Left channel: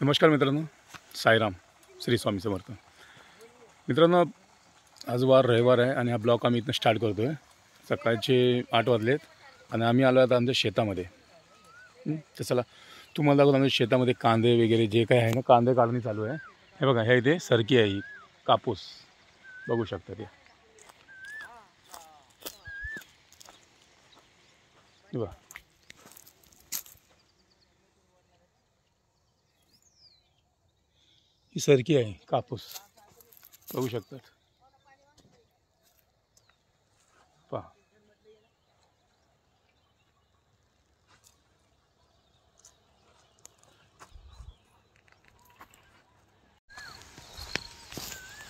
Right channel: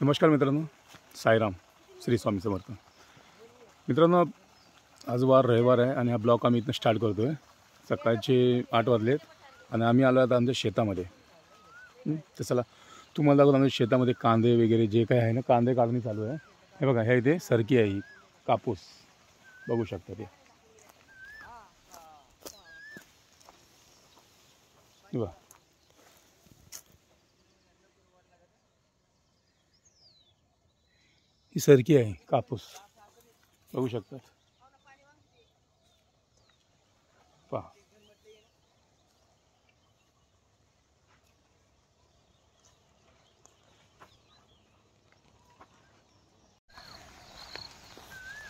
नमस्कार मित्रांनो, साईराम, श्री स्वामी समर्थ. मित्रांनो, आज वार रविवार आहे आणि हा ब्लॉग आम्ही इथनं स्टार्ट करतो आहे. सकाळचे 8 वाजलेत आणि आम्ही आलो आता आमच्या शेतामध्ये. तर चला तुम्हाला दाखवतो आमच्या शेतामध्ये कांदे वगैरे जे काही आहे ना, कांदे काढणी चालू आहे. हे बघा, हे इथे सरकी आहे, ही कापूस बघू शकता ते. बघा, ही सरकी आहे, कापूस बघू शकतात. पहा,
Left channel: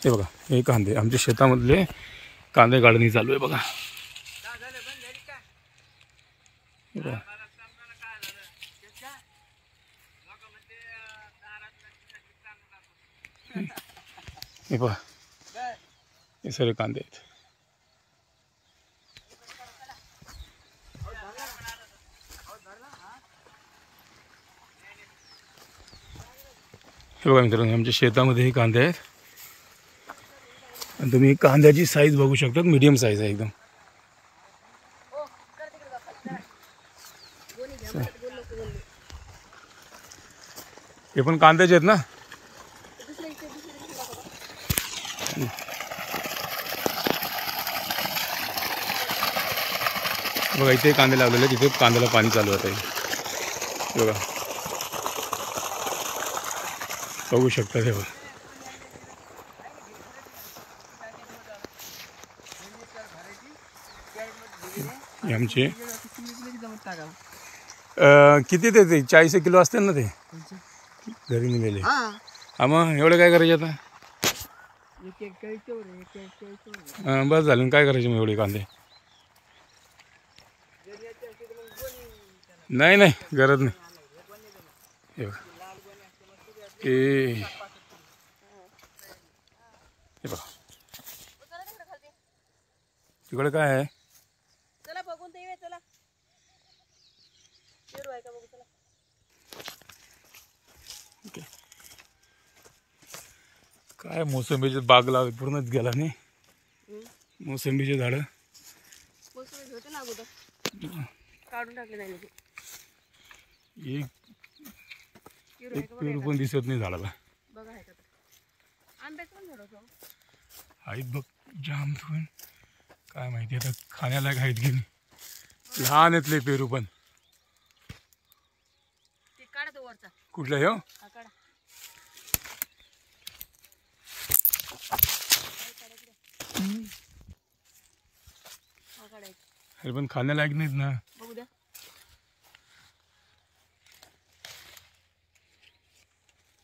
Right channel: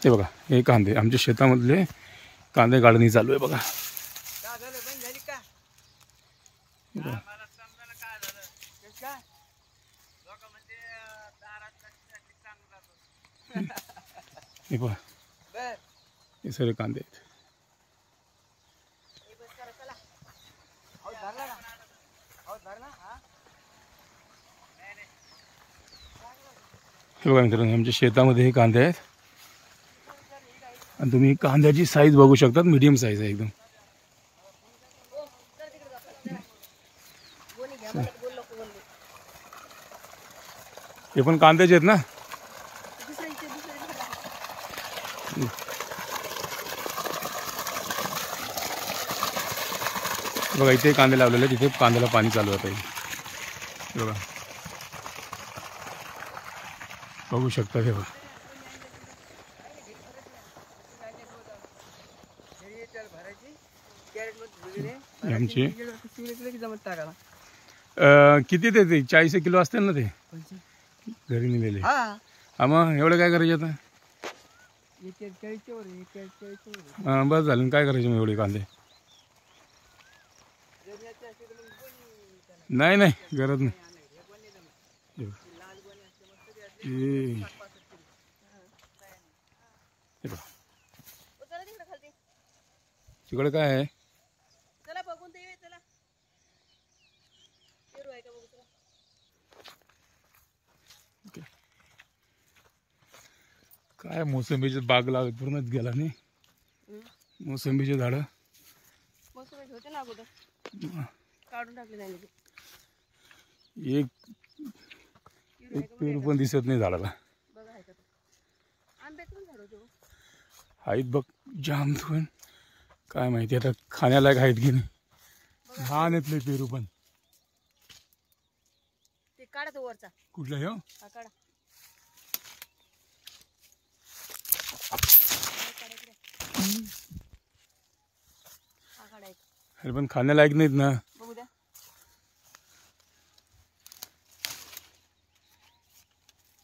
हे बघा, हे कांदे आमच्या शेतामधले कांदे काढणी चालू आहे. बघा, हे पहा, हे सगळे कांदे आहेत. हे बघा मित्रांनो, आमच्या शेतामध्ये हे कांदे आहेत आणि तुम्ही कांद्याची साईज बघू शकता, मीडियम साईज आहे एकदम. हे पण कांद्याचे आहेत ना. बघा, इथे कांदे लावलेले आहेत, तिथे कांद्याला पाणी चालू आहे. हे बघा, बघू शकता. हे बघा, आमचे किती ते 40 किलो असतील ना ते घरी निघाले. हा, मग एवढं काय करायचे आता. बस झालं, काय करायचे मग एवढे कांदे. नाही नाही, गरज नाही. हे बघा, हे बघा, तिकडे काय आहे. काय मोसंबीचे बाग लावले, पूर्णच गेला नाही. मोसंबीचे झाडं होते ना अगोदर, काढून टाकले नाही. एक पेरू पण दिसत नाही झाडाला. बघा, आहे का आंब्याचं पण झाड होतं. आहेत बघ, जाम पण काय माहिती आता खाण्यालायक आहेत की नाही. लहान आहेत पेरू पण. ते काढा तो वरचा. कुठला हे हा काढा. अरे पण खाण्यालायक नाहीत ना. बघू द्या.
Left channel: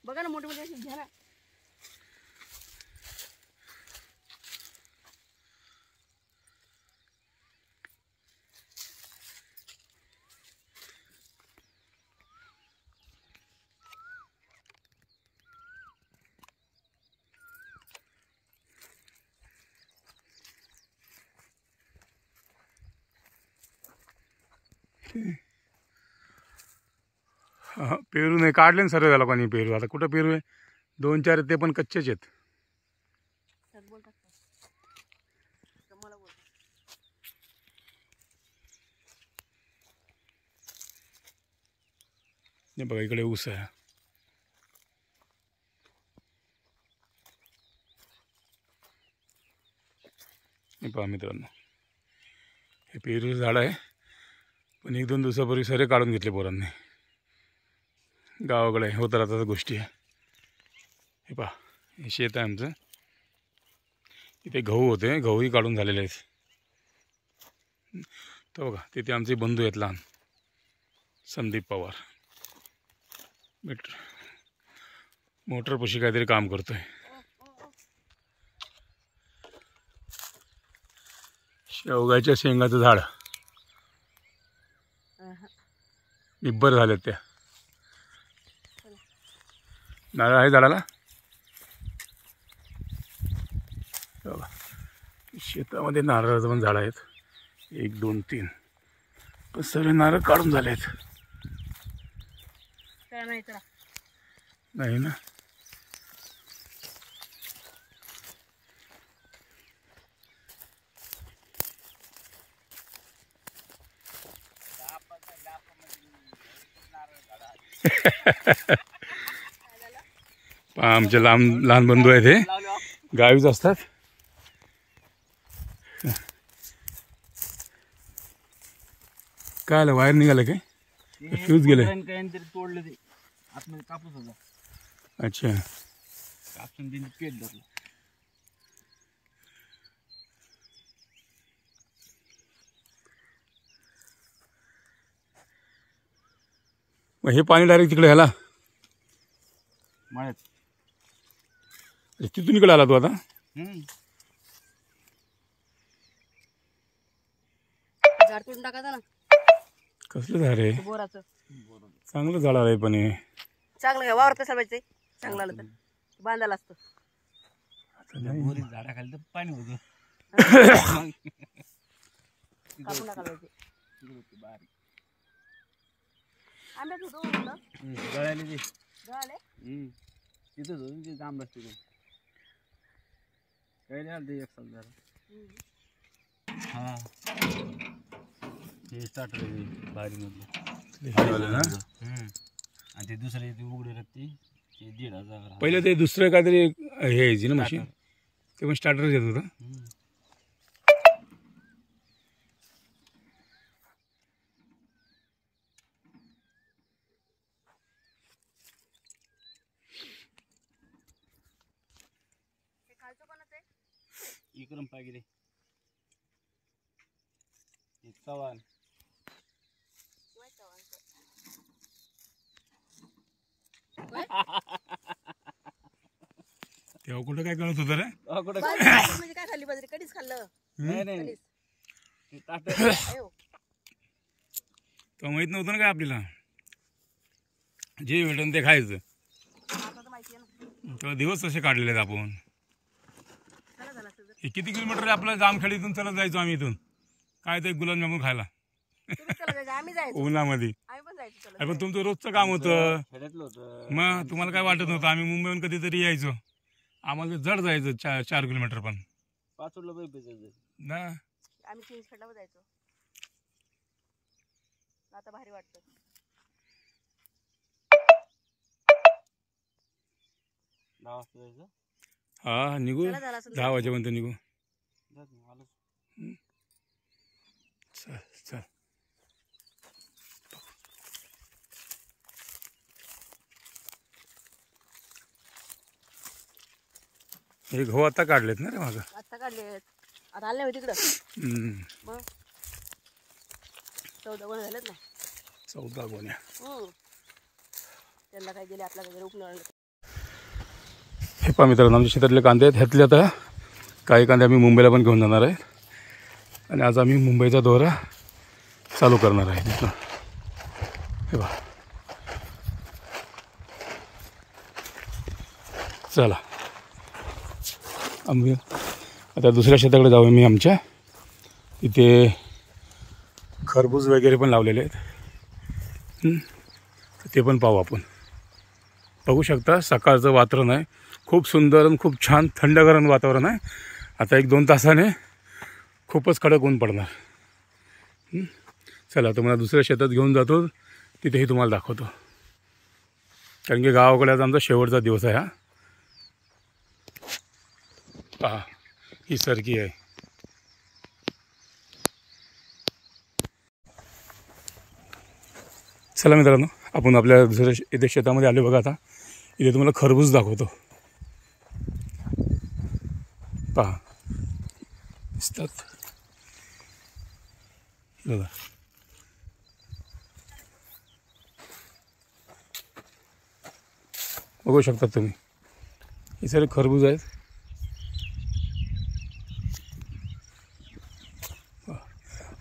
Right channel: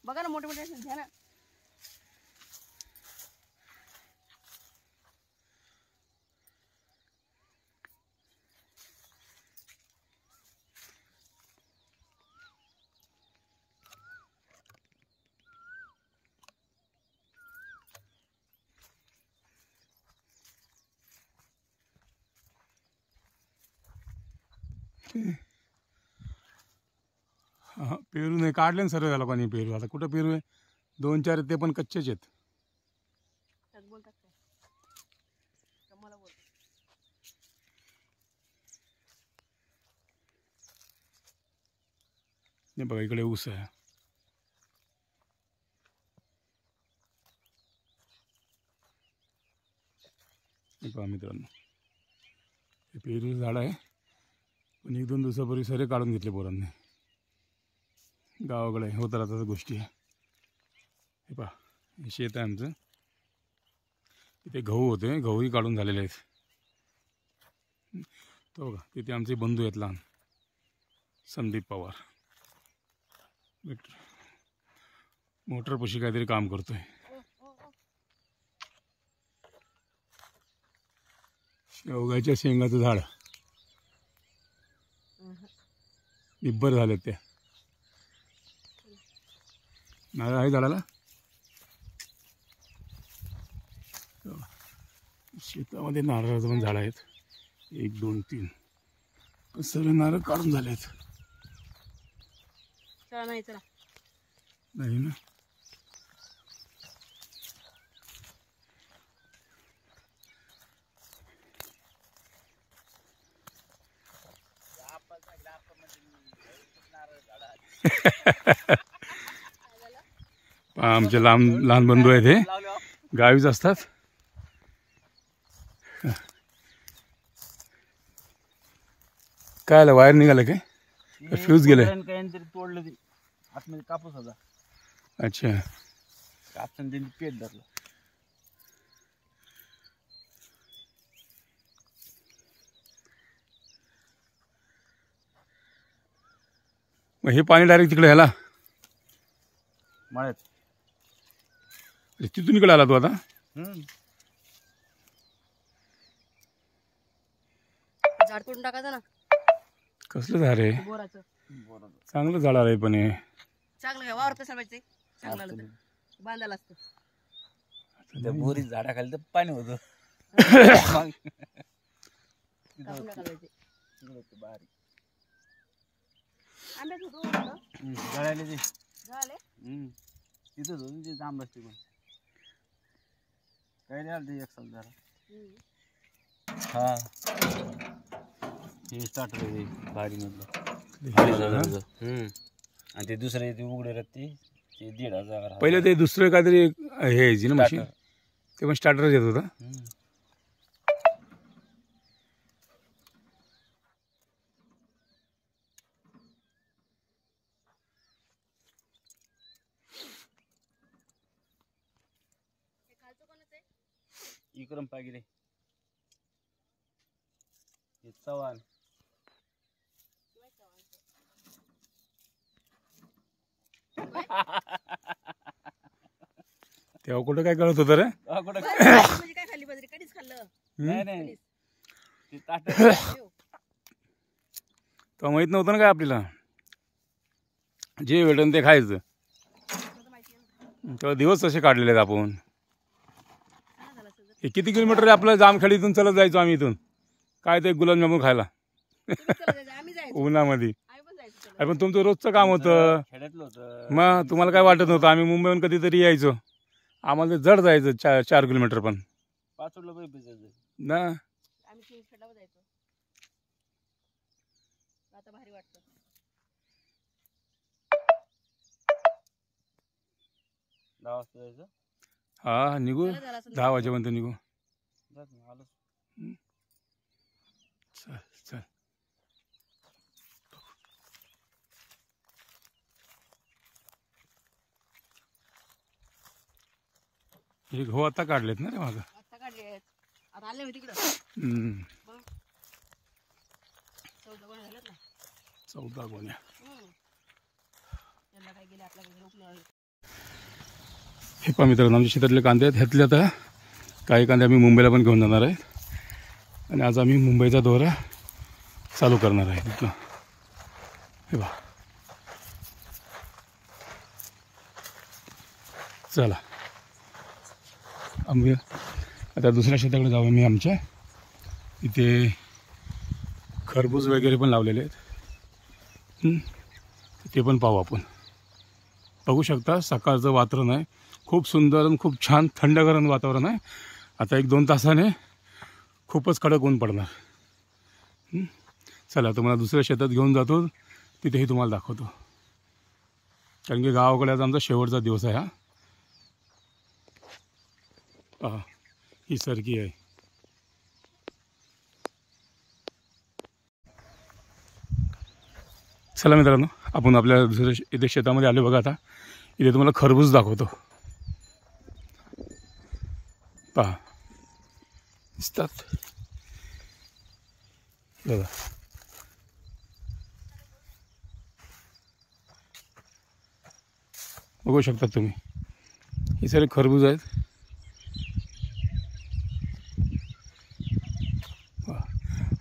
बघा ना, मोठे मोठे घ्या ना. हा, पेरू नाही काढले ना सर्व लोकांनी पेरू. आता कुठं पेरू आहे, 2-4 ते पण कच्चेच आहेत. नाही बघा, इकडे ऊस आहे. हे पहा मित्रांनो, हे पेरूचं झाड आहे, पण 1-2 दिवसापूर्वी सरे काढून घेतले पोरांनी. गावाकडे होत राहतात गोष्टी. हे पहा, हे शेत आहे आमचं. इथे गहू होते, गहूही काढून झालेले आहेत. तो बघा, तिथे आमचे बंधू आहेत लहान, संदीप पवार. मोटरपाशी काहीतरी काम करतोय. शेवगाच्या शेंगाचं झाड निब्बर झालेत. त्या नारळ आहे झाडाला. बघा, शेतामध्ये नारळाचं पण झाड आहेत. 1, 2, 3 पण सर्व नारळ काढून झाले आहेत. चला नाही चला. नाही ना. आमचे लहान बंधू आहेत हे, गावीच असतात. काय आलं, वायर निघालं काय? फ्यूज गेलं. काहीतरी तोडलं ते आतमध्ये कापूस होता. अच्छा. कापसून त्यांनी पेट धरलं. मग हे पाणी डायरेक्ट तिकडे ह्याला मळ्यात. तिथून इकडे आला तू आता? झाड तोडून टाकायचं ना. कसलं झाड आहे? बोराचं. चांगलं झाड आहे पण हे. चांगलं घ्या, वावरत कशाला पाहिजे? चांगलं आलं तर बांधायला असतं. बोरी झाडाखाली तर पाणी होतं. कापून टाकायला पाहिजे. बारीक आंब्याच होतो जळाले ते. झाले तिथंच होतं ते जांब असते कोण काही नाही आलं ते एक साल झाला. हा ते पाठवले भारी मधलं. आणि ते दुसरे ते उघडे राहते ते 1,500. पहिले ते दुसरं काहीतरी हे यायची ना मशीन, ते पण स्टार्टर येत होतं. विक्रम पागिरे चव्हाण. तेव्हा कुठं काय कळत होतं रे? म्हणजे काय खाल्ली बाजरी? कधीच खाल्लं नाही तेव्हा माहित नव्हतं ना काय आपल्याला, जे भेटन ते खायचं. तेव्हा दिवस तसे काढलेले आहेत आपण. हे किती किलोमीटर आहे आपलं? जामखेडीतून चलत जायचो आम्ही इथून. काय ते गुलाबजामुन खायला उन्हामध्ये. अरे पण तुमचं रोजचं काम होतं, मग तुम्हाला काय वाटत नव्हतं. आम्ही मुंबईहून कधीतरी यायचो, आम्हाला जड जायचं 4 किलोमीटर पण ना. आम्ही चिंचखेडला जायचो. आता भारी वाटतं. हा निघू 10 वाजेपर्यंत निघू. चल चल. हे गहू आता काढलेत ना रे मागं? आता काढलेत. आता आले होते तिकडं. मग 14 गोण्या झाल्यात ना. 14 गोण्या. त्यांना काय गेले आपल्याकडे उपनळ. हे पहा मित्रांनो, आमच्या शेतातले कांदे आहेत. ह्यातले आता काही कांदे आम्ही मुंबईला पण घेऊन जाणार आहेत. आणि आज आम्ही मुंबईचा दौरा चालू करणार आहे तिथनं. हे पहा, चला आम्ही आता दुसऱ्या शेताकडे जाऊ. मी आमच्या इथे खरबूज वगैरे पण लावलेले आहेत, ते पण पाहू आपण. बघू शकता सकाळचं वातावरण आहे, खूप सुंदर आणि खूप छान थंडगरम वातावरण आहे. आता 1-2 तासाने खूपच कडक ऊन पडणार. चला तुम्हाला दुसऱ्या शेतात घेऊन जातो, तिथेही तुम्हाला दाखवतो. कारण की गावाकडे आज आमचा शेवटचा दिवस आहे. हा पहा, ही सरकी आहे. चला मित्रांनो, आपण आपल्या दुसऱ्या इथे शेतामध्ये आलो बघा. आता इथे तुम्हाला खरबूज दाखवतो. पहा दिसतात बघा. बघू शकता तुम्ही, हे सगळे खरबूज आहेत.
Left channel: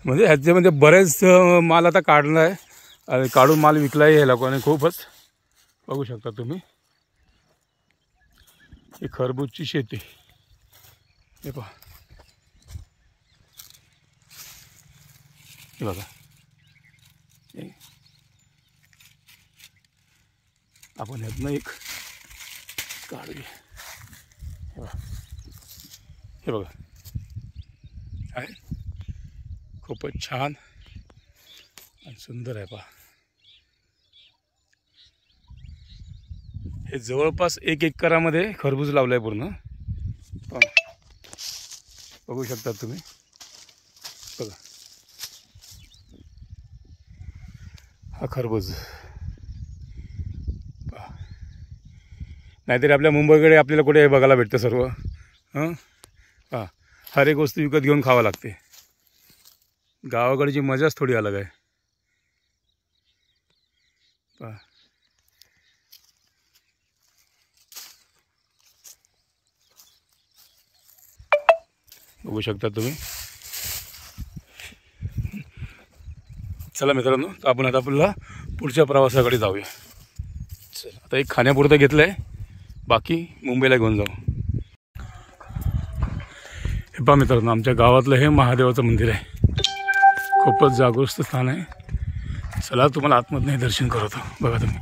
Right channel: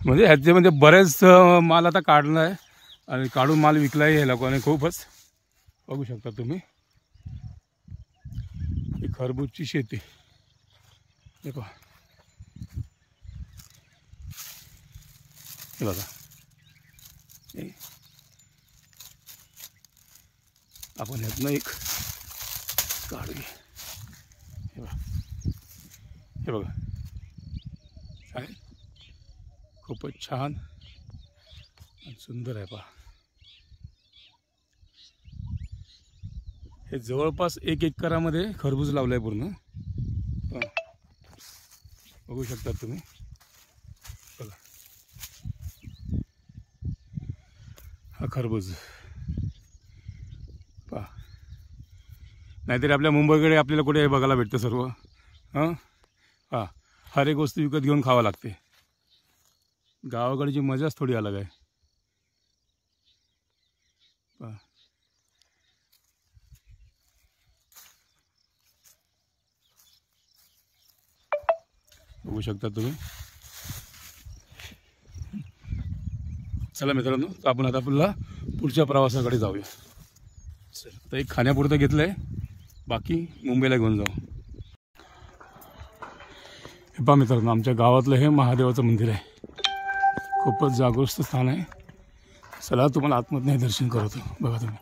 म्हणजे ह्याच्यामध्ये बरेच माल आता काढला आहे आणि काढून माल विकला आहे हे लोकांनी खूपच. बघू शकता तुम्ही, ही खरबूजची शेती. हे पहा, हे बघा. आपण ह्यातनं एक काढू घे. हे बघा आहे, खूपच छान आणि सुंदर आहे. पहा, हे जवळपास 1 एकरामध्ये खरबूज लावलं आहे पूर्ण. पहा, बघू शकता तुम्ही. बघा हा खरबूज. पहा, नाहीतरी आपल्या मुंबईकडे आपल्याला कुठे हे बघायला भेटतं सर्व. हां हां, हर एक वस्तू विकत घेऊन खावं लागते. गावाकडची मजाच थोडी अलग आहे. पहा, बघू शकता तुम्ही. चला मित्रांनो, तर आपण आता आपल्याला पुढच्या प्रवासाकडे जाऊया. चला, आता एक खाण्यापुरतं घेतलं आहे, बाकी मुंबईला घेऊन जाऊ. हे पहा मित्रांनो, आमच्या गावातलं हे महादेवाचं मंदिर आहे. खूपच जागृत स्थान आहे. चला तुम्हाला आतमधनं दर्शन करवतो. बघा तुम्ही.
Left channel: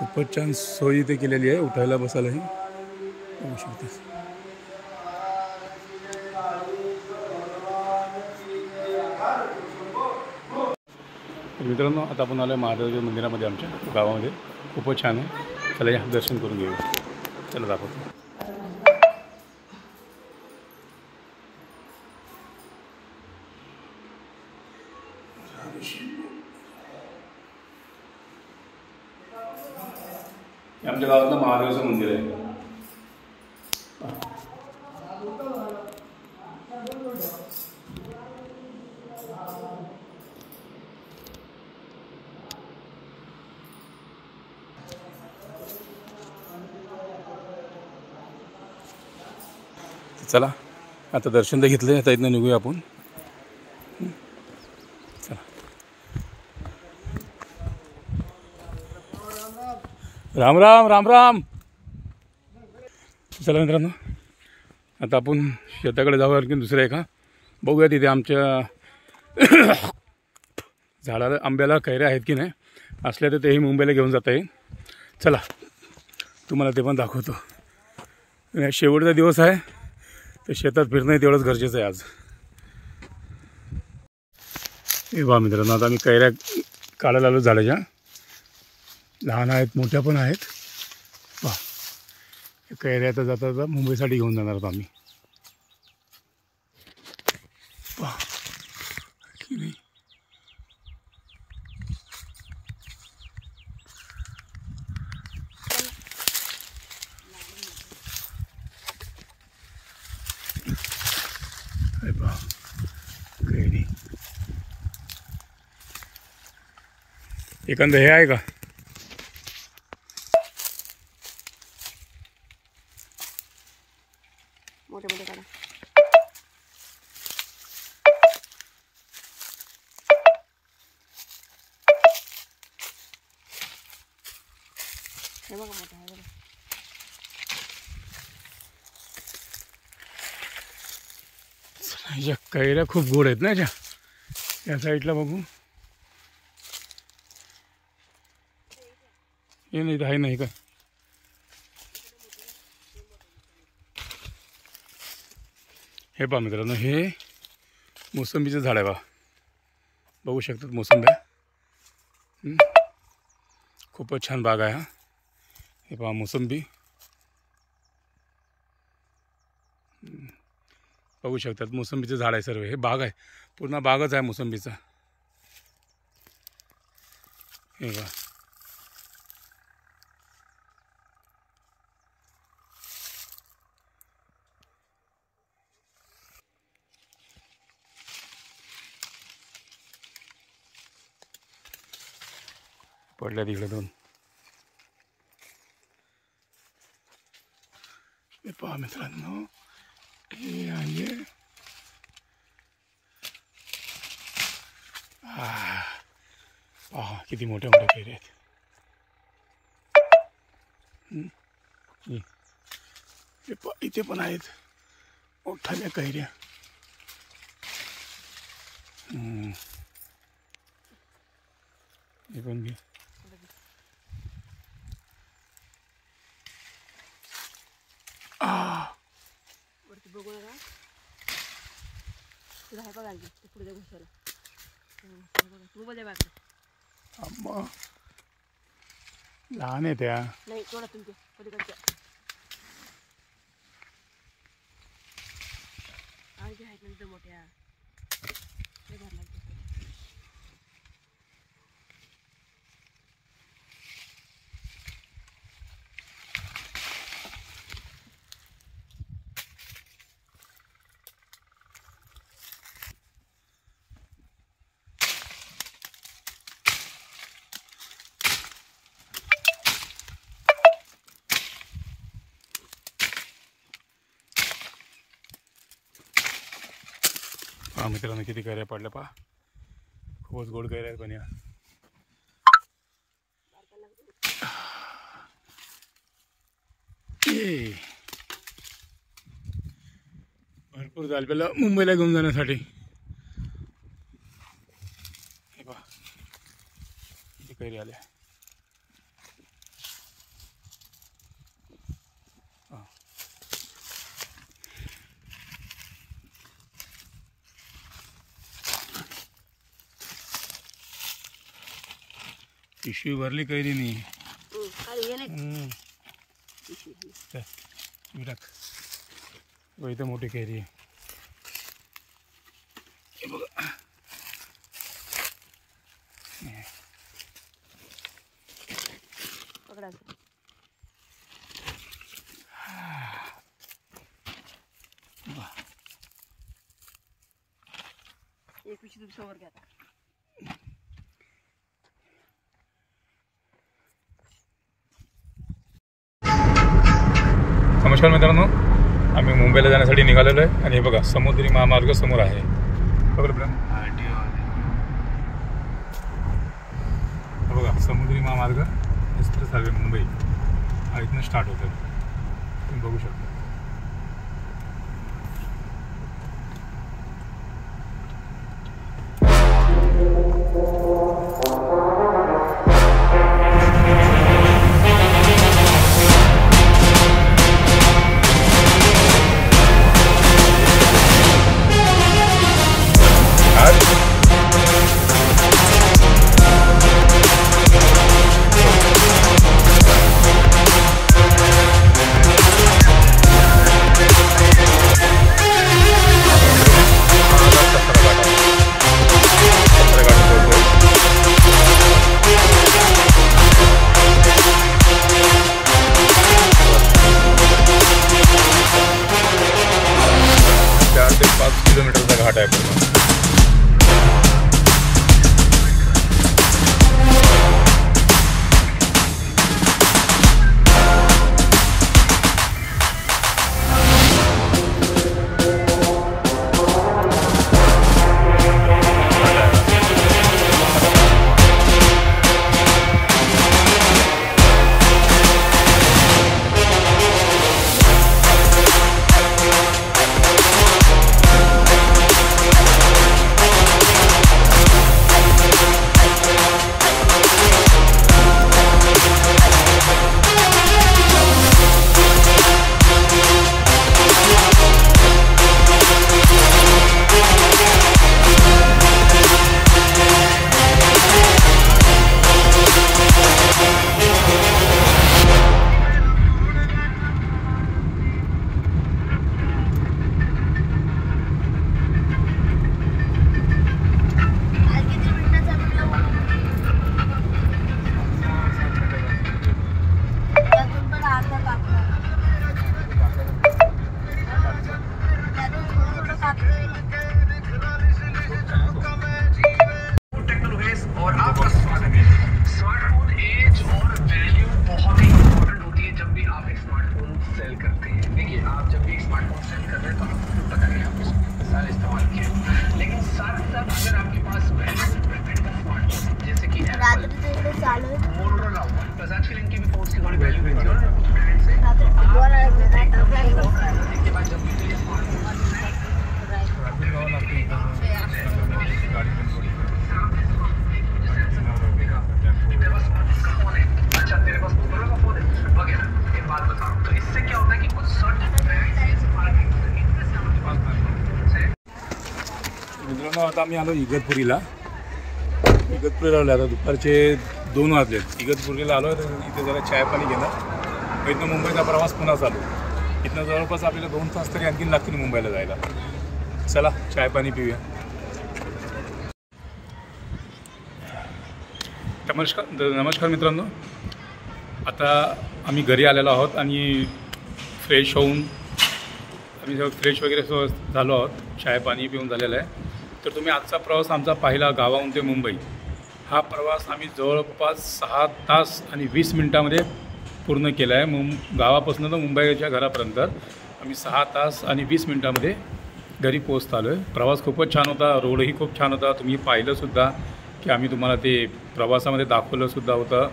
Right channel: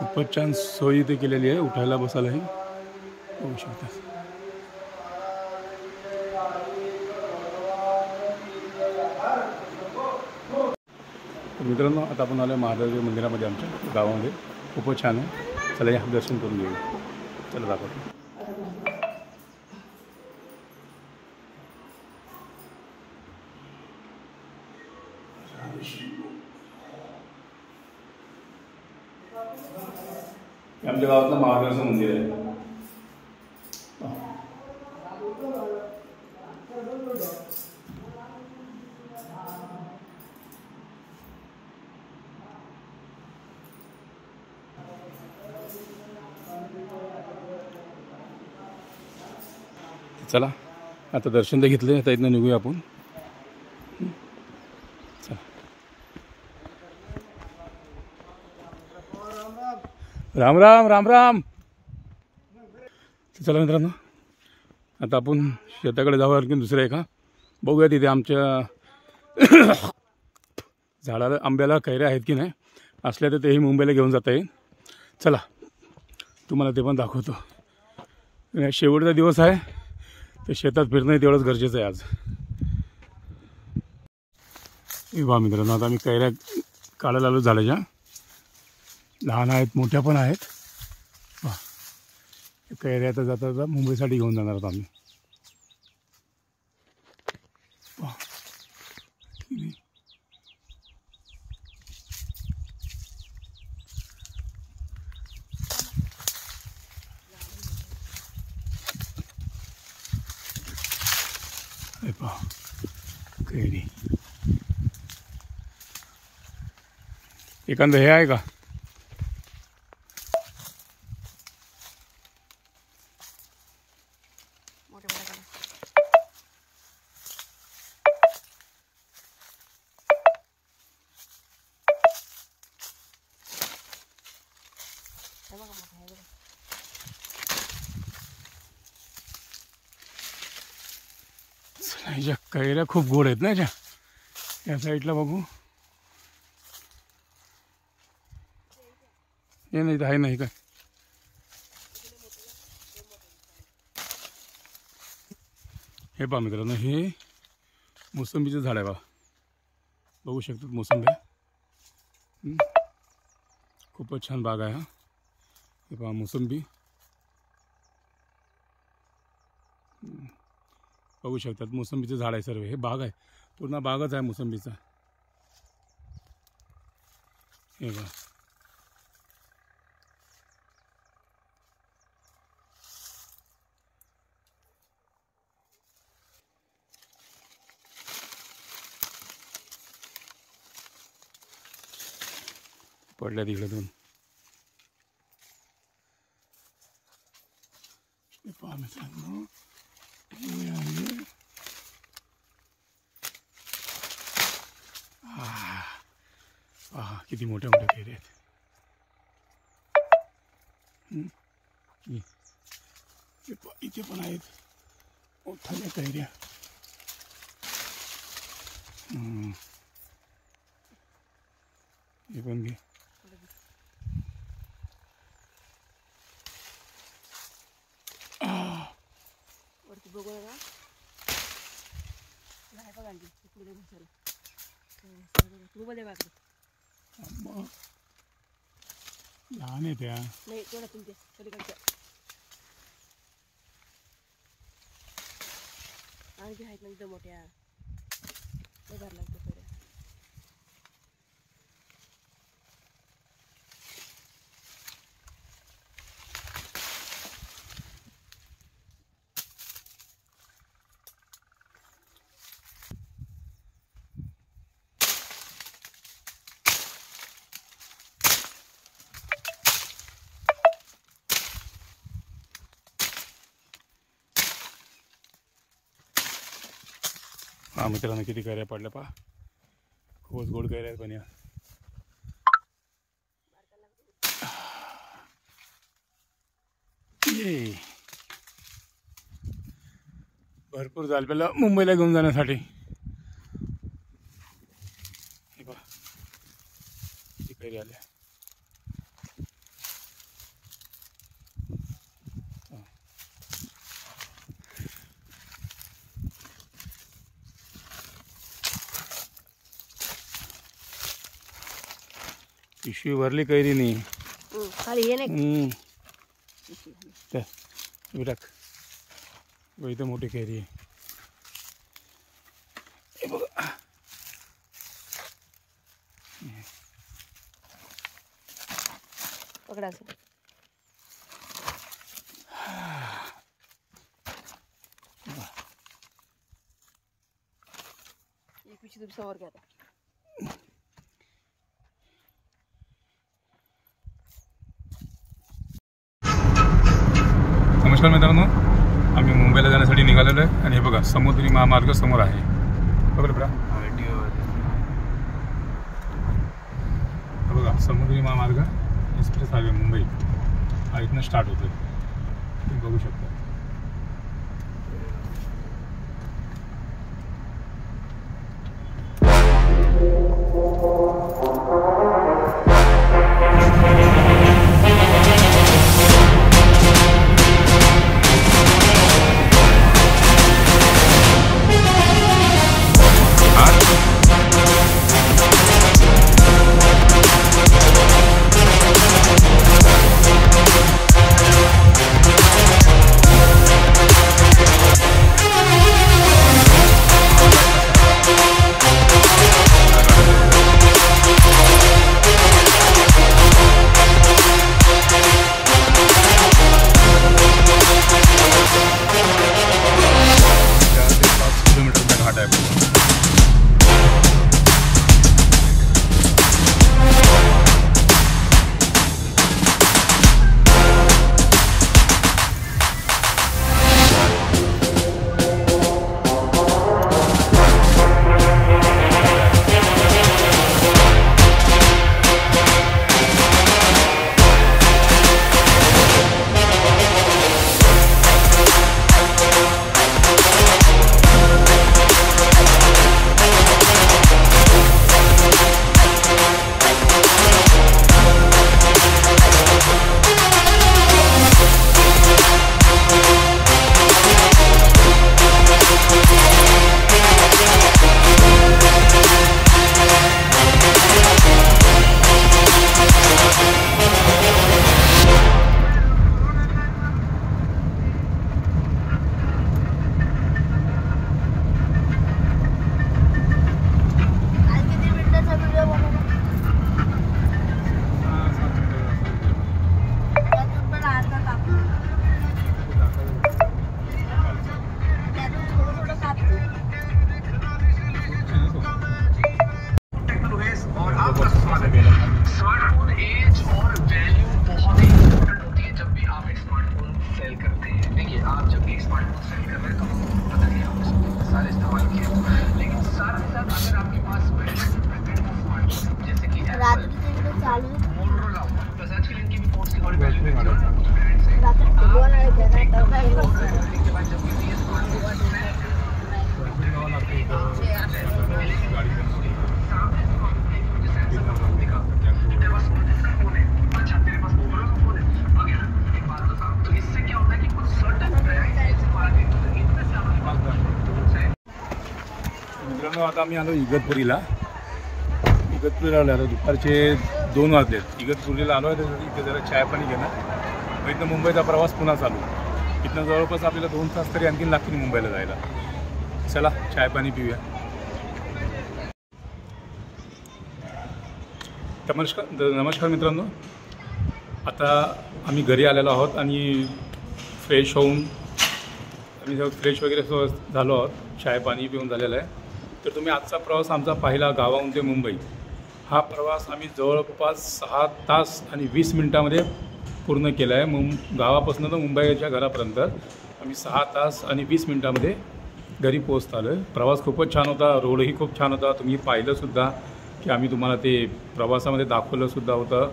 खूपच छान सोय इथे केलेली आहे, उठायला बसायलाही. बघू शकता. मित्रांनो, आता आपण आलो आहे महादेवाच्या मंदिरामध्ये आमच्या गावामध्ये. खूपच छान आहे. चला या दर्शन करून घेऊया. चला दाखवतो. आमच्या गावातलं महादेवाचं मंदिर आहे. चला, आता दर्शन तर घेतलं, आता इथनं निघूया आपण. चला. राम राम राम राम. चला मित्रांनो, आता आपण शेताकडे जाऊ. आणखी दुसरं आहे का बघूया. तिथे आमच्या झाडाला आंब्याला कैऱ्या आहेत की नाही, असल्या तर तेही मुंबईला घेऊन जाता येईल. चला, तुम्हाला ते पण दाखवतो. शेवटचा दिवस आहे, तर शेतात फिरणं तेवढंच गरजेचं आहे आज. हे बा मित्रांनो, आता आम्ही कैऱ्या काढायला आलो झाडाच्या. लहान आहेत, मोठ्या पण आहेत. वा, कैऱ्या आता जाता जाता मुंबईसाठी घेऊन जाणार आहोत आम्ही. वा, की नाही. कैरी एखादं हे आहे का? मोठे मोठे काढा. हे बघा मोठा आहे बघा. ह्याच्या कैऱ्या खूप गोड आहेत ना ह्याच्या. या साईडला बघू. हे नाही आहे नाही काय. हे पहा मित्रांनो, हे मोसंबीचं झाड आहे बा. बघू शकतात मोसंब्या. खूपच छान बाग आहे हा. हे पहा मोसंबी बघू शकतात. मोसंबीचं झाड आहे सर्व. हे बाग आहे, पूर्ण बागच आहे मोसंबीचा. हे बघा. पडल्या तिकडे 2. हे पहा मित्रांनो, हे आहे पहा किती मोठ्या मोठ्या कैऱ्या आहेत. हे पहा इथे पण आहेत मोठ्या कैऱ्या. हे पण घे. वरती बघू नका, तुला आहे बघा आणखी ते पुढे घुसायला. तू बघा बाकडे अम्मा लहान आहे त्या. नाही थोडा तुमच्या पलीकडच्या आणखी आहेत नंतर मोठ्या लय भार लागते सगळ्या. पहा मित्रांनो किती कैऱ्या पडल्या. पहा खूपच गोड कैऱ्या आहेत पण या. ये भरपूर झालं आपल्याला मुंबईला घेऊन जाण्यासाठी. हे पहा किती कैऱ्या आल्या. पिशवी भरली कैरी नाही. खाली ये नाही विराट इथं मोठी कैरी आहे. हे बघा पकडा असं. एक पिशवी तुम्ही समोर घ्या आता. नमस्कार मित्रांनो, आम्ही मुंबईला जाण्यासाठी निघालेलो आहे आणि हे बघा समुद्री महामार्ग समोर आहे. बघा बघा समुद्री महामार्ग एक्सप्रेस हायवे मुंबई हा इथनं स्टार्ट होतो. तुम्ही बघू शकता. मित्रांनो आता आम्ही आलो इगतपुरीला आलो. आता दुपारचे 2 वाजलेत. इगतपुरीला आलो तर इथे जरा चाय पाणी घेणं. मग इथनं मुंबईचा प्रवास पुन्हा चालू. इथनं जवळपास आपल्याला 2 तास तरी आणखी लागतील मुंबईला जायला. चला चाय पाणी पिऊया. नमस्कार मित्रांनो, आता आम्ही घरी आलेलो आहोत आणि फ्रेश होऊन आम्ही सगळं फ्रेश वगैरे झालो आहोत. चाय पाणी पिऊन झालेलं आहे. तर तुम्ही आजचा प्रवास आमचा पाहिला गावाहून ते मुंबई. हा प्रवास आम्ही जवळपास 6 तास आणि 20 मिनटामध्ये पूर्ण केला आहे. गावापासून तर मुंबईच्या घरापर्यंत आम्ही 6 तास आणि 20 मिनटामध्ये घरी पोहोचत आलो आहे. प्रवास खूपच छान होता. रोडही खूप छान होता. तुम्ही पाहिलंसुद्धा की आम्ही तुम्हाला ते प्रवासामध्ये दाखवलंसुद्धा होतं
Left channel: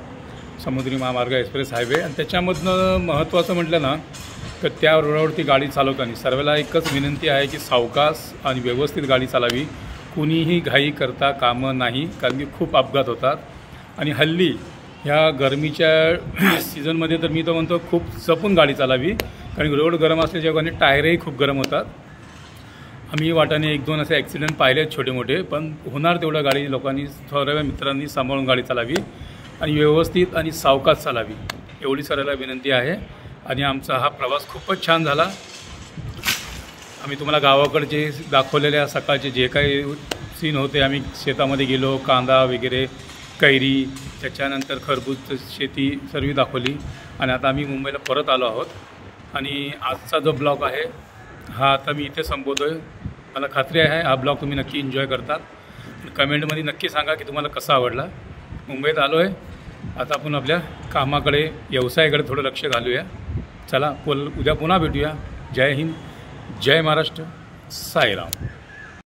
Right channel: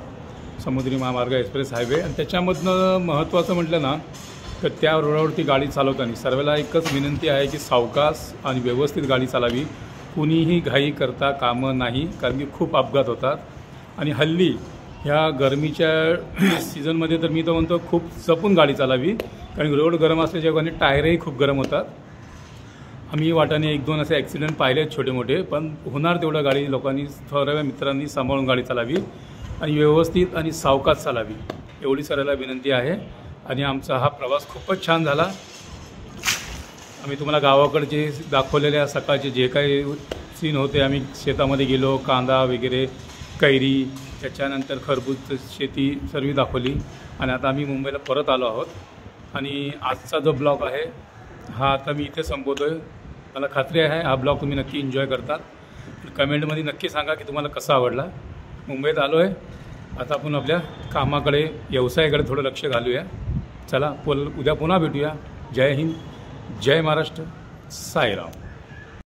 समुद्री महामार्ग एक्सप्रेस हायवे. आणि त्याच्यामधनं महत्त्वाचं म्हटलं ना तर त्या रोडावरती गाडी चालवताना सर्वांना एकच विनंती आहे की सावकाश आणि व्यवस्थित गाडी चालावी. कुणीही घाई करता कामं नाही, कारण की खूप अपघात होतात. आणि हल्ली ह्या गरमीच्या सीझनमध्ये तर मी तर म्हणतो खूप जपून गाडी चालावी, कारण रोड गरम असल्याच्या कारणाने टायरही खूप गरम होतात. आम्ही वाटाने 1-2 असे ॲक्सिडेंट पाहिले आहेत छोटे मोठे, पण होणार तेवढं गाडी लोकांनी थोड्या मित्रांनी सांभाळून गाडी चालावी आणि व्यवस्थित आणि सावकाश चालावी एवढी सर्वांना विनंती आहे. आणि आमचा हा प्रवास खूपच छान झाला. आम्ही तुम्हाला गावाकडचे दाखवलेल्या सकाळचे जे काही सीन होते, आम्ही शेतामध्ये गेलो, कांदा वगैरे, कैरी, त्याच्यानंतर खरबूज शेती सर्व दाखवली. आणि आता आम्ही मुंबईला परत आलो आहोत. आणि आजचा जो ब्लॉग आहे हा आता मी इथे संपवतो आहे. मला खात्री आहे हा ब्लॉग तुम्ही नक्की एन्जॉय करतात. कमेंटमध्ये नक्की सांगा की तुम्हाला कसा आवडला. मुंबईत आलो आहे, आता आपण आपल्या कामाकडे, व्यवसायाकडे थोडं लक्ष घालूया. चला उद्या पुन्हा भेटूया. जय हिंद, जय महाराष्ट्र, साईराम.